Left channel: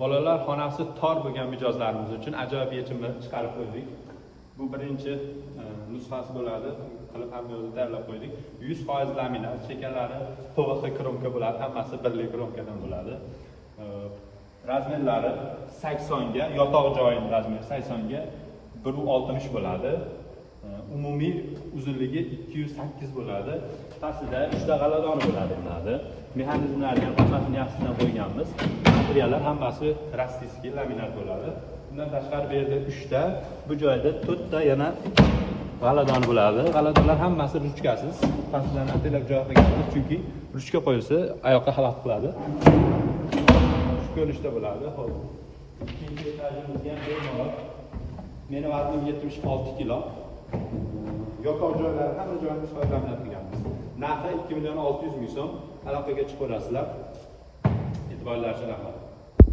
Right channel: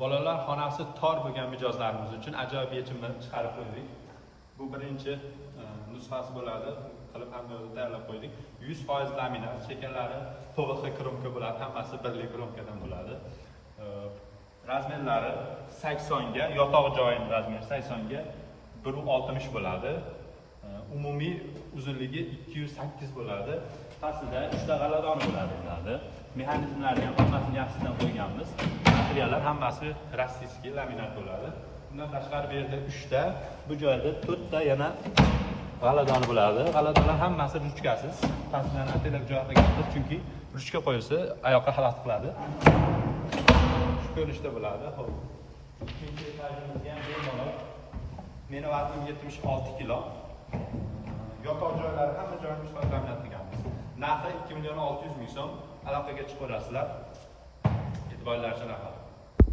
Bolalar xonasi tor bo'lgan mijozlarimiz uchun ajoyib yechimni chiqarib qo'ydik. Bu birinchi nusxasi bo'ladi. Qilib hammasini tayyorlab qo'ydik. 100% laminat, chekalari PVX kromka bo'ladi, hammasi birli kromkadan bo'ladi. Razmerlari 80 ga, yotoq joyining razmeri 80 ga 1.60 bo'ladi. Umumiy uzunligi 208 bo'ladi. Pastida 3 ta g'aladoni bo'ladi. Mexanizmlarni ham hammasini yaxshidan qo'yganmiz. Materiallar hammasi rossiyskiy laminat bo'ladi. Bundan tashqari bu yerda 3 ta, bu joyda 4 ta yana g'aladon bo'ladi. G'aladonlar hammasi ruchkasiz. Pastlarni telab joy qilganmiz, chunki ruchka qo'yilsa oyoqqa xalaqit qiladi. Ko'rinishda bo'ladi. Xo'p. Ikkinchi etajimizga ham bor. Mening vaznim 76 kilo. Yotoq joylari hamma joyini foydalanib qilganmiz. Narxi 2 600 ming so'm. Aloqaga chiqib olasizlar. E'tiborlar uchun rahmat.